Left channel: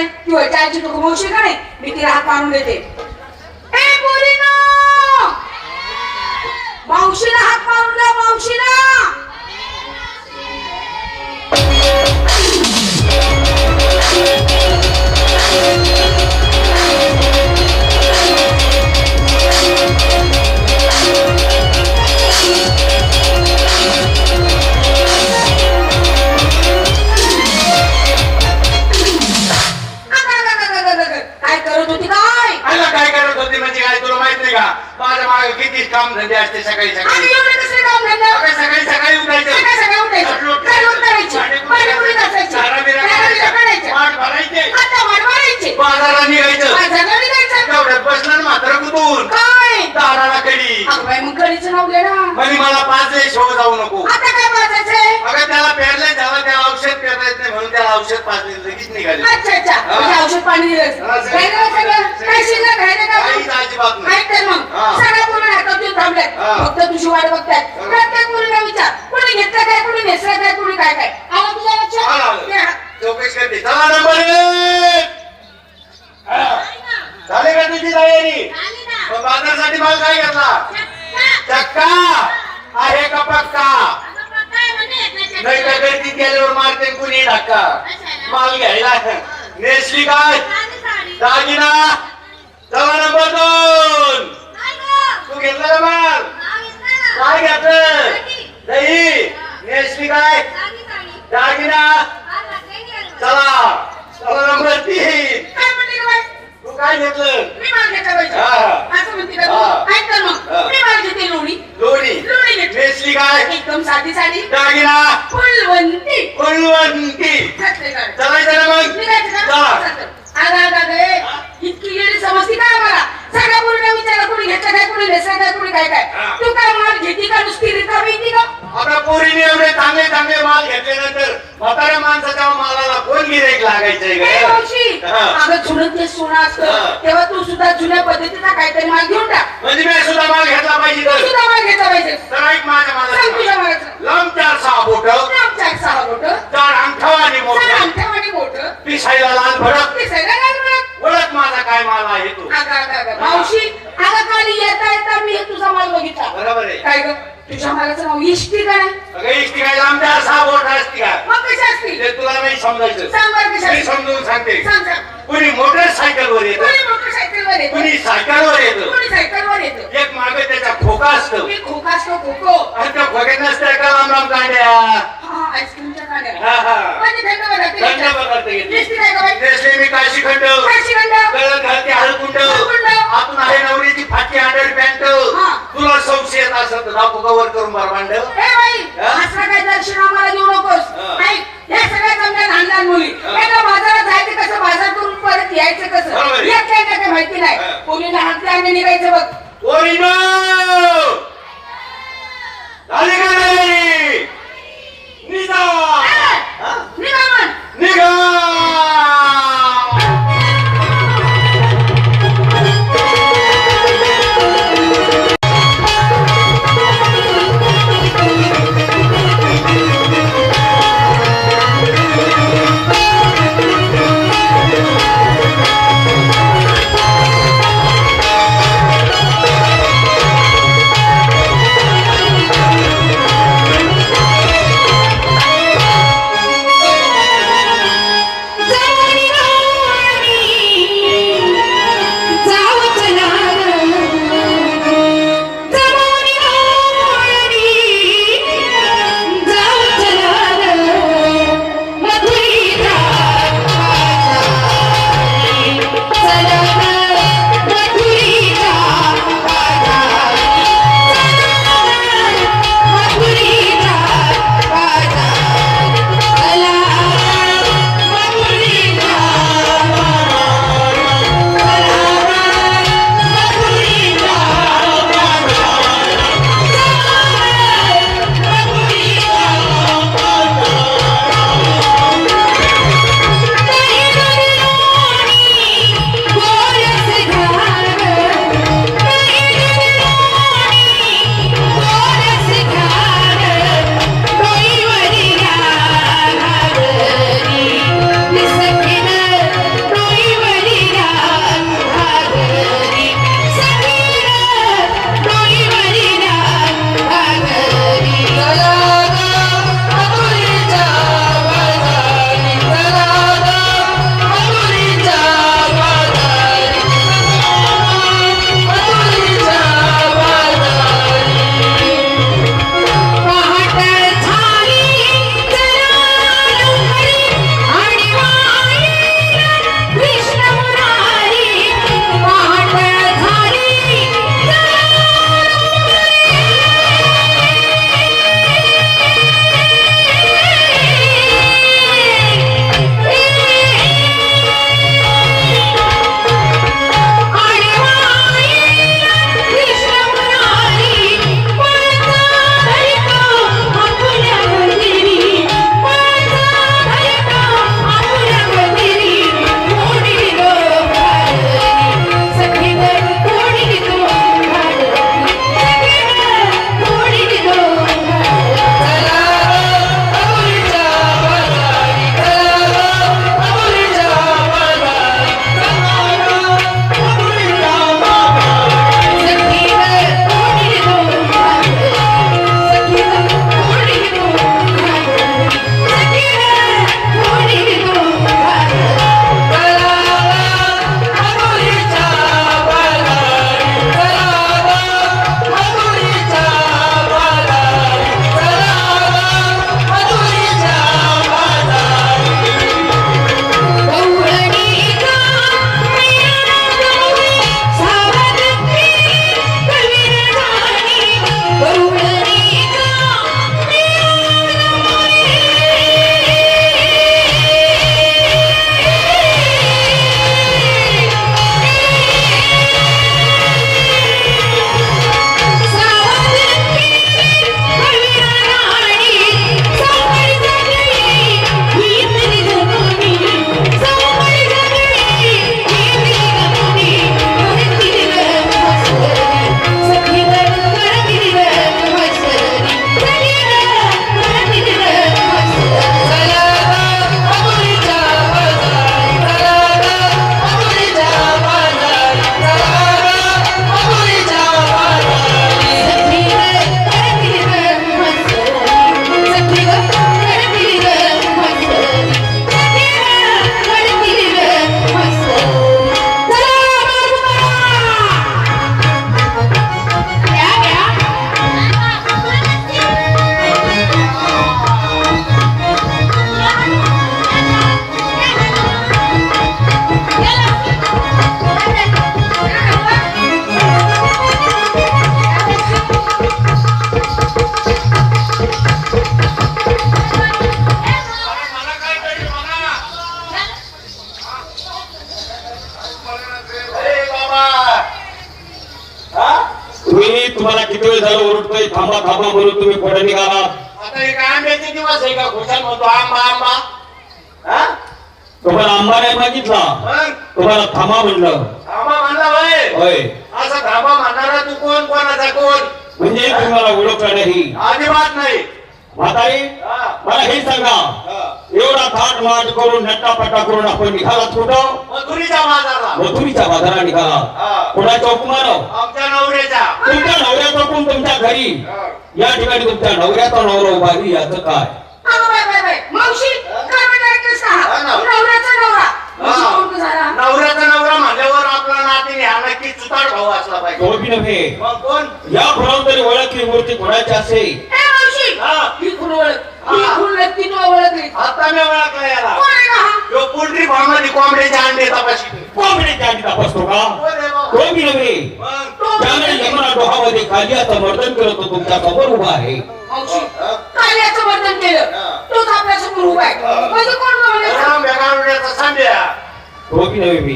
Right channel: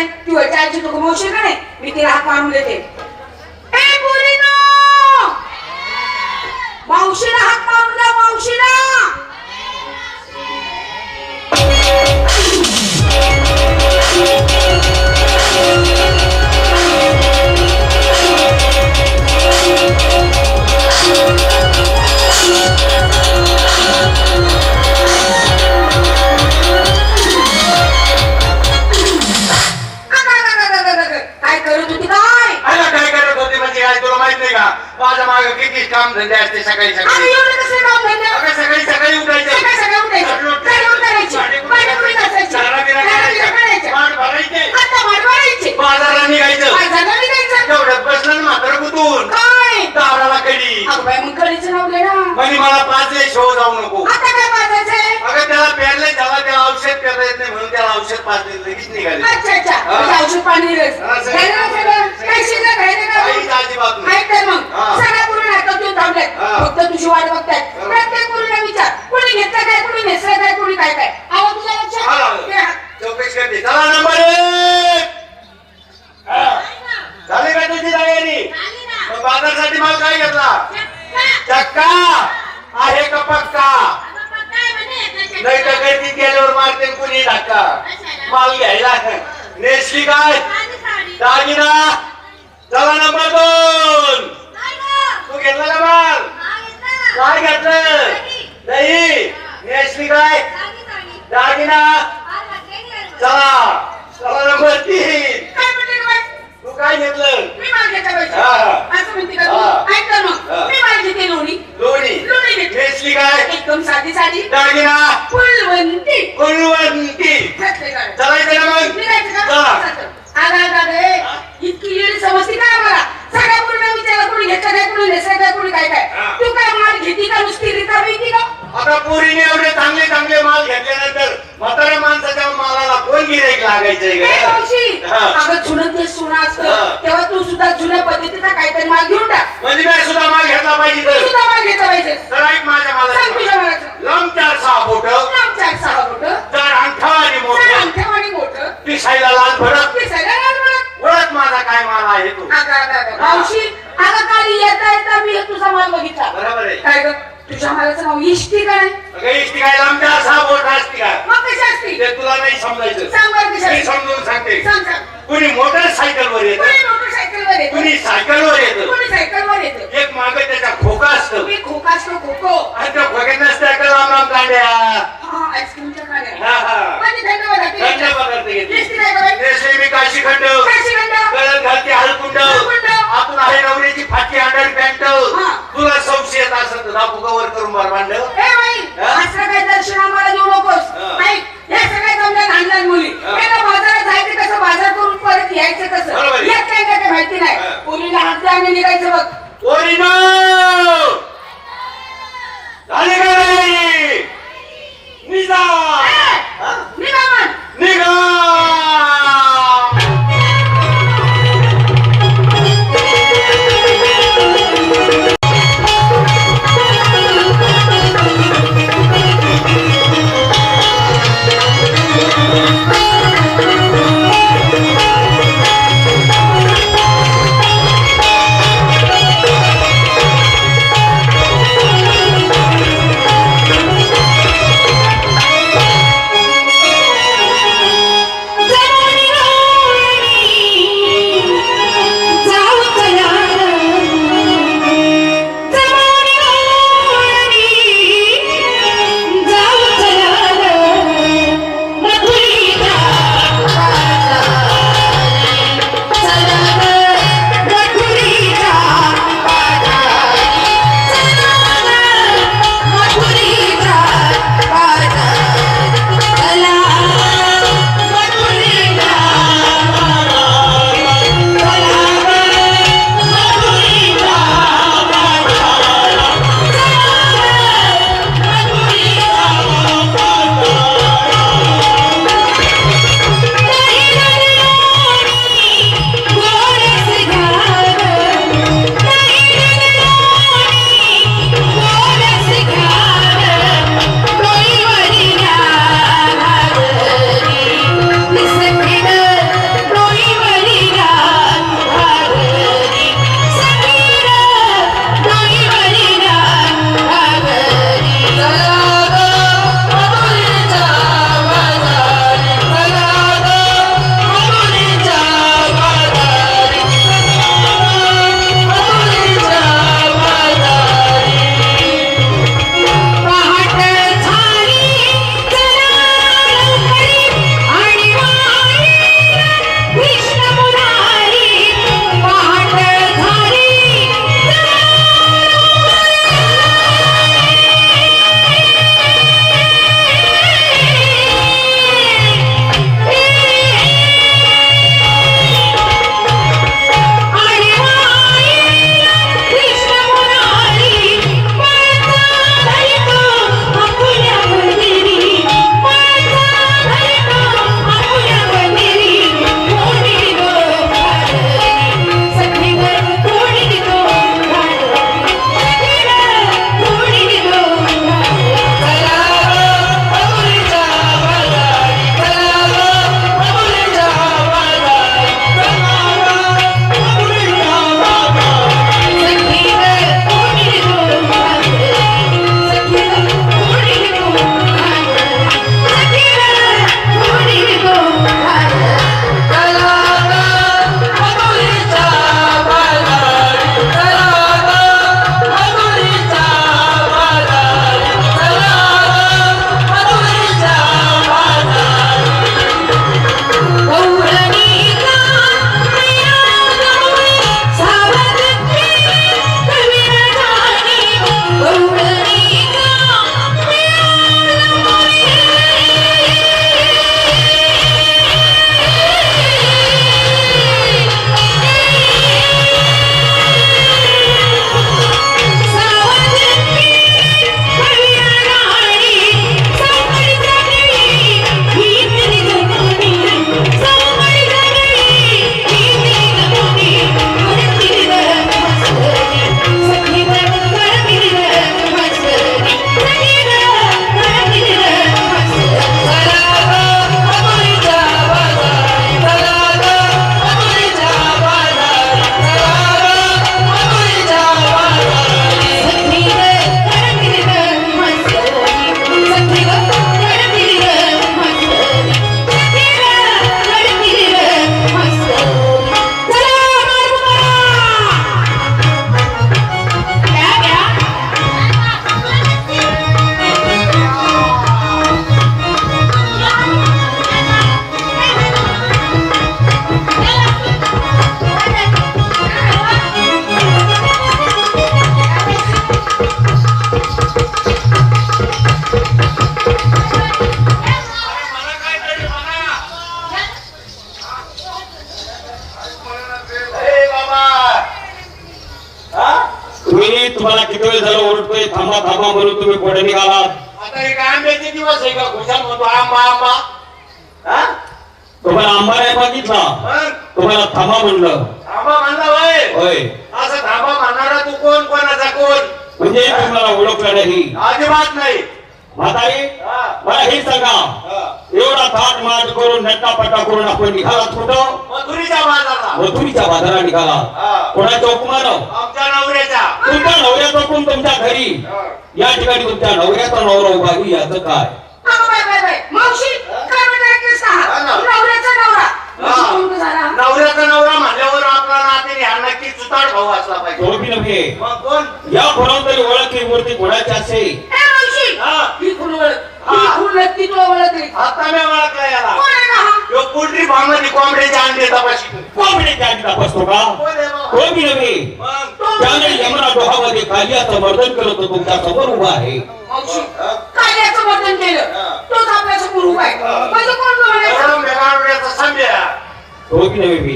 नाही ती व्हायची आजी तुका मावशी का नाही मी तिला हात आणून देते. ए पोरीनो मावशीला हात मारून द्या मावशीला! काम धंदे असते सकाळी आणि सकाळी एवढं कसं काम धंदा? अगं सकाळी सकाळी उठायचं. सकाळी सकाळी उठायचं, झाडून काढायची, पाणीपुरी घासायची, नारळाच्या काढायच्या. पाठ भरायचे. आता माठ मारायचे. बाजारात निघायचं. घरी. तेवढ्यात बसलं म्हातारा कुतून काय? दाराला कडी अगं बाई, मग घरीचं नाव घे ना. म्हणे मला पाच शो जाऊ नको आता काय पाजायचंय? अगं त्याला पेरलंय झाला त्याला औषध पेरता येत नाही म्हणून त्याला औषध पाच दिवस लगेच निघाली अच्छा, अच्छा. हा. म्हणजे औषध पाणी दिलंस. हा. घ्यायला सगळं? शिल्लक का? नाही तर मग. हा. सगळ्या पोरी हातात देऊन थांबल्यात. हा. फक्त तुझी वाट बघतायत. बरोबर. प्रत्येक पोरीला विचार. कोणी घेतलं काय, कोणी नेसलं काय, कोणी काय काय. आलं तुझ्या आलं, लक्षात? आलं. ते हा. चौकशी करते चला नंबर एक हा. झाली का तुझी तयारी आली ना मग बाजारसाठी माल काय घेतला चक्का. चक्का आहे का पक्का अगं पण काय म्हणे त्याच्या- नाही गेल्यावर मारते कुणी धक्का माल घ्यायला नेसली काय. दागिना काय गं? तू घेतला का माल ना. काय घेतलं दही नेसली काय. दागिना. चला चला नंबर तीन? तू काय घेतलं मी माल घेतला पाहिजे. असं म्हणते का तू? ऐक तर मग. मी माल घेते लोणी. दोन्ही लोणी घेते. नेसली काय एकदम साधी साधी दागिना फुलवंती फुलवंती घातले मग? चला चालतं. आगा, आगा, गे. इतकी लिहिली समजती काय मला सगळ्या मुलींना विचारलं कोणी घेतलं काय कोणी नेसलं काय कोणी काय काय. तू काय माल घेती का नुसती आता पोरीने एवढे चांगले चांगले माल घेतल्यानंतर म्हाताऱ्या माणसाच्या मालाला कोण गिरेक. अगं जुनं ते सोनं. असतं. तेव्हा तू सुद्धा जुन्या पद्धतीचा काहीतरी माल घेऊन टाक. म्हणजे मी सुद्धा माल घेतला पाहिजे सुद्धा माल घेतला पाहिजे. तर ऐक माझ्या तुझ्या माला मालाचं. लांब चार सहा बोट. नाव चार सहा मोठं चार अंगठा आणि मोठ. अंगठ्या आणि मोठं. पिसायला लाल भरत पिसायला लाल म्हणत ओळख माझा काय माल आहे तो. मावशी अगं काल येता येता मी एक तुझा माल बघितला. बरोबर आहे. काय ग? तुझ्या मालाचं नाव इष्टी काय? अगं इष्टी काय? लांब चार सहा बोट असते का मग कशी असते? ते तुला नाही समजायचं. सांग बरं कशी मी असते. समजून सांगते. सांग सांग. कुणी मोटरसायकल वर येत? मोटरसायकलवर येतो. कुणी येत. कोणी सायकलवर येतो? एक मागे त्याचा खोका असतो. तुम्ही खोका असतो खोको. आणि त्या खोक्यात नसत्या का लांब लांब कांड्या हा आईस्क्रीमच्या काड्या हा हा. बाई? जसे मी काशी खंड. गळत घालते हळकुंड. हळकुंड. आतून आहे नवरीची फाटी अंडर पॅन्ट हा. तुला संशय येत असत दाखवू कवर करून बार मांड बाई हा? असं दर्शन आम्हाला देऊ नकोस. हा. नाही हे जमल्या लहान लहान मुली. हा. हे तर बाजारात जायचं कसं बाजार करून परत यायचं कसं. येत काय काय माहिती नाही. मुलीला हात आणि निघायचं बघ. निघा. निघा! मी तुम्हाला किती वेळ झालं ओरडतोय थांबा थांबा म्हणून तुम्ही पुढे निघाला. आता हे काय आंब्याचे दिवस आहे का? खुशाल म्हणतो आंबा आंबा. हा? तुम्हाला आंबा नाही मागितला. मग तुम्हाला थांबा म्हणलं. थांबा म्हणला होय. होय. असं थांबा म्हणणारा तू कोण? कोणाचा कोण? म्हणजे तुम्हाला ओळखलं नाही. अजिबात नाही. म्हातारी हा. मला हे सांगा. हा. एवढा थाट माट करून नट्टापट्टा करून आपण निघालात कुठं? मथुरीच्या बाजारला. मथुरीच्या बाजारात निघाला. हा. कोणाच्या हुकुमानं? आमच्या नवऱ्याच्या. तुमच्या नवऱ्याचा कोण तुमच्या घरी. हा. या ठिकाणी तुमच्या नवऱ्याचा नवरा उभा याचं काय. नवऱ्याचा नवरा. आपला नाते हा नक्की चुताड भाऊ असला पाहिजे. नव्हे. या तरी ओळखली मूर्ती कोणाची ओळखली आता मी ओळखला याला. कोण आहे का यो पोल्ट्री कोंबडीचे अंडे तपासतो का? कोण नव्हे. त्याने यमुना डोहामध्ये कालियाचं वर्णन करत होतो तुमच्यासमोर उभा आहे. मावशी हा. कार्याचं वर्णन केलं. हा. तोच आपल्यासमोर उभा आहे. हा. माझं कोण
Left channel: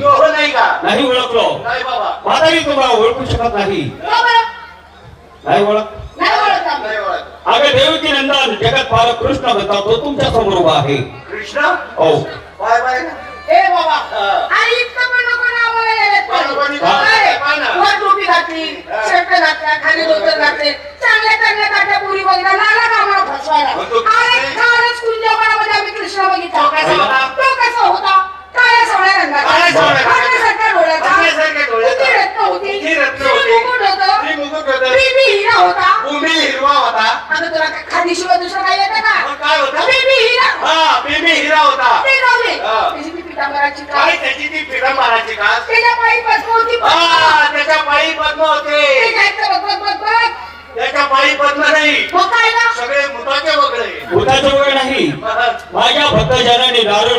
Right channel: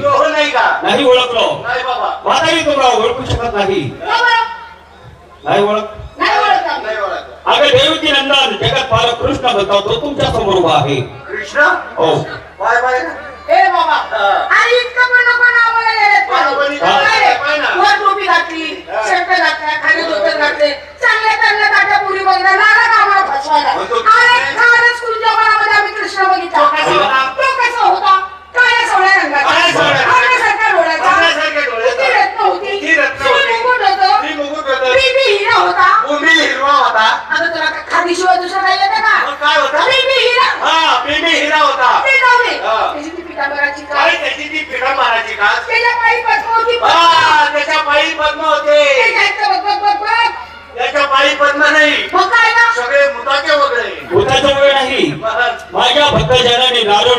तो हो नाही का? नाही ओळखलो. नाही बाबा. म्हातारी तुम्हाला ओळखू शकत नाही? नाही ओळख. अगं देवकी नंदन जगत पालक कृष्ण म्हणतो तो तुमच्यासमोर उभा आहे. कृष्ण? हो. Bye bye. ए बाबा. हा. आणि इतकं पण नको ना बोलायला? वर टोपी घातली हा. शर्ट घातला खाली धोतर घातले. चांगल्या चांगल्या काट्या पुरी बघितला लागला का आम्हाला फसवायला अरे खरंच कुंजवनामध्ये आम्ही कृष्ण बघितला. तो कसा होता? होता? काळ्या रंगाचा. काळ्यासारख्या डोळ्याचा. होती. मुकुट भूमी हिरवा आता तुला का- खादीशिवाय दुसरं काय येतं का मग काय होता बीबी हिरा हा बेबी हिरा होता ते जाऊ दे हा. त्याची ती पितांबराची काय काळ त्याची ती पिढा मारायची का त्याच्या पायी पद्म होती हा त्याच्या पायी पद्म होते त्याच्या इतकं बघ बघ बघ बघ त्याच्या पायी पद्म नाही मग काय ना सगळे मुताचे वगळे भूताचा वेळ नाही माझ्या भक्तजनाने नारळ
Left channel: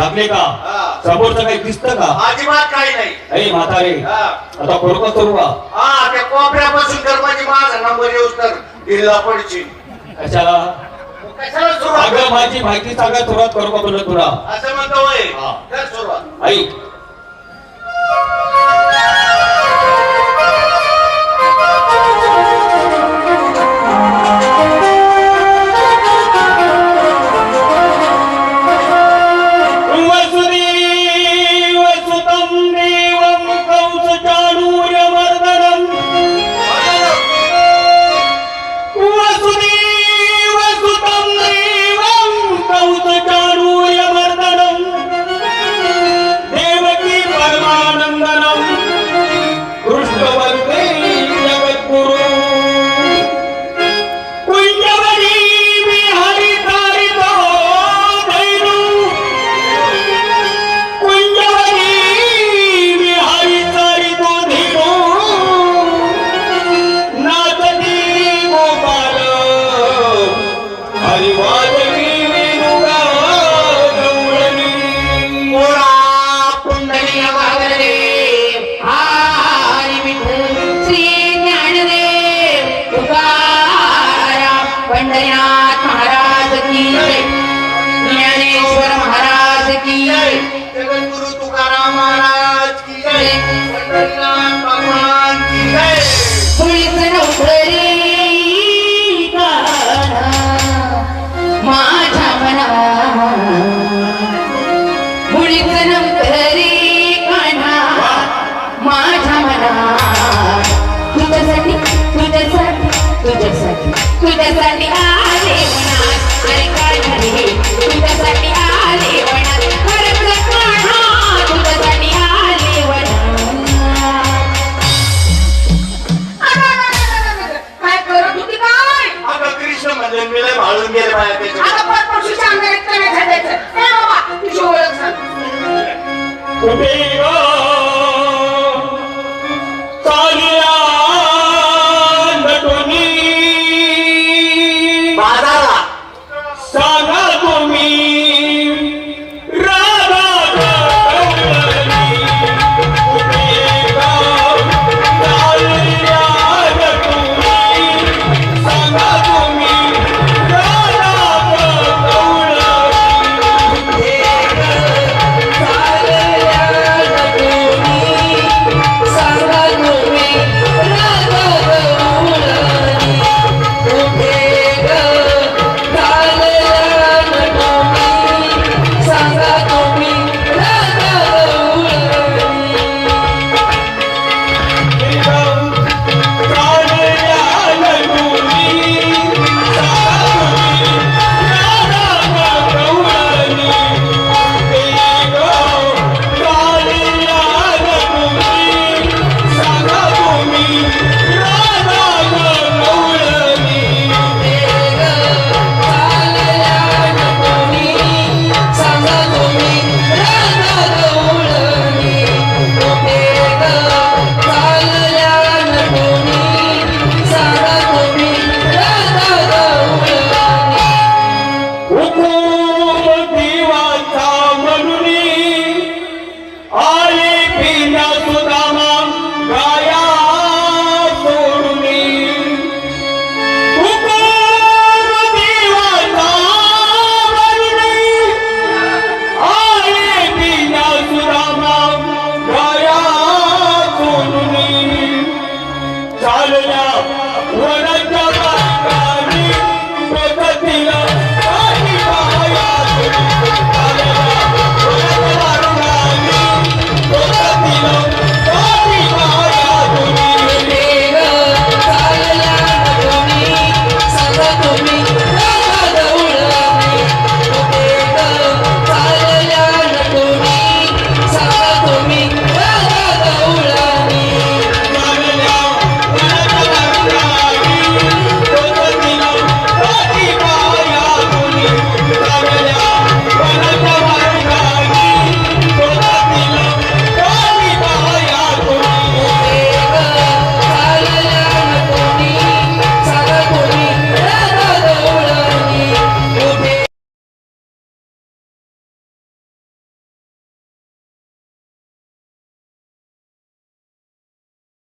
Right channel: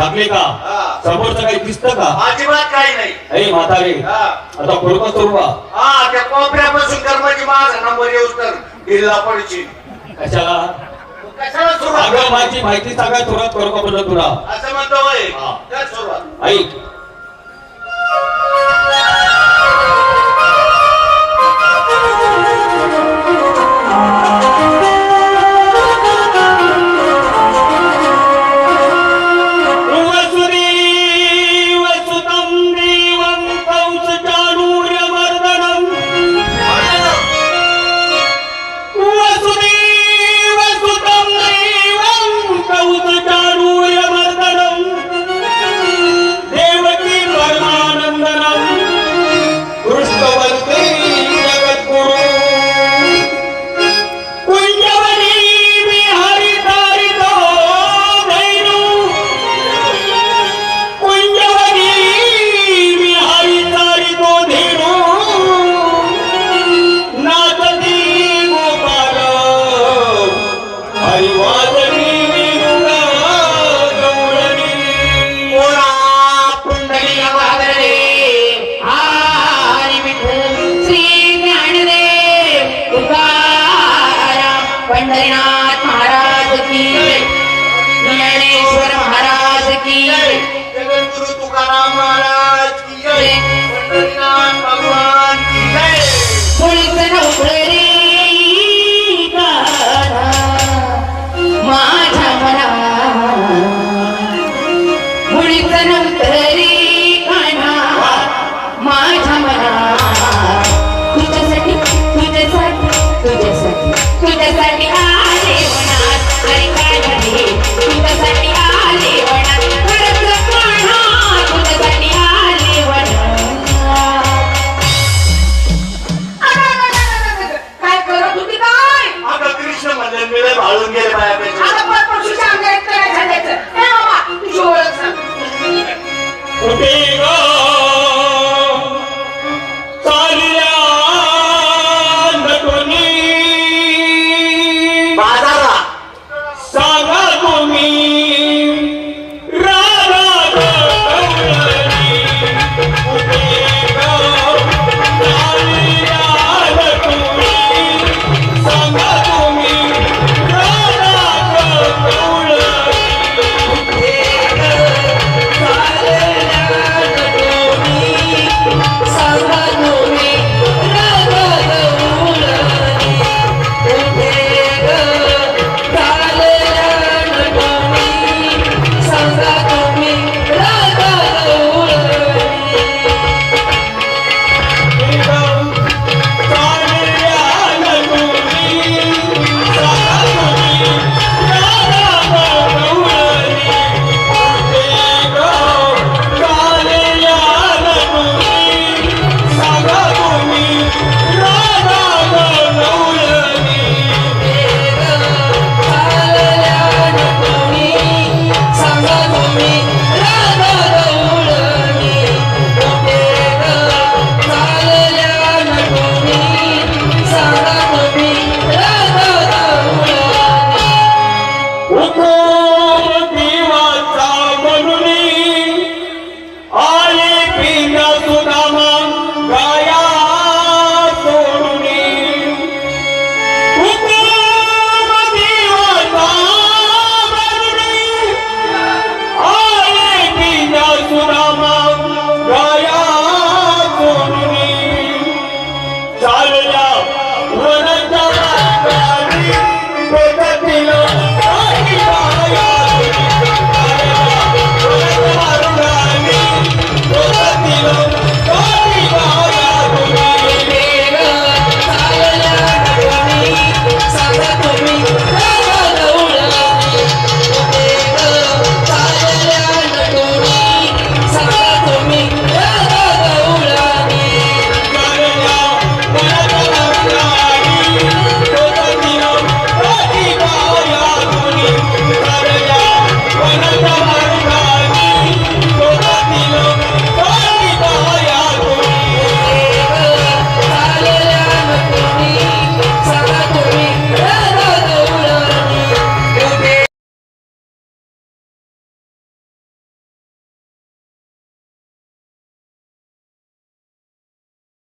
झाकले का. समोरचं काही दिसतं का? अजिबात काही नाही. अरे म्हातारे हा. आता बरोबर करू का? हा त्या कोपऱ्यापासून कर्माची माझा नंबर येऊस तर दिल्ला पडची. कशाला? कशाला सुरुवात? माझी माहिती सांगा सुरुवात करू का म्हणलं तुला? असं म्हणतो हा. ऐक. Hare Rama. तुझ्यासाठी आले मनात आणि काढले तुझ्यासाठी आले मनात खरंच काढा तुझ्यासाठी आले काय करत होती काय? अगं कृष्ण म्हणजे मी भाळून गेले माझ्यापेक्षा कुठे ग?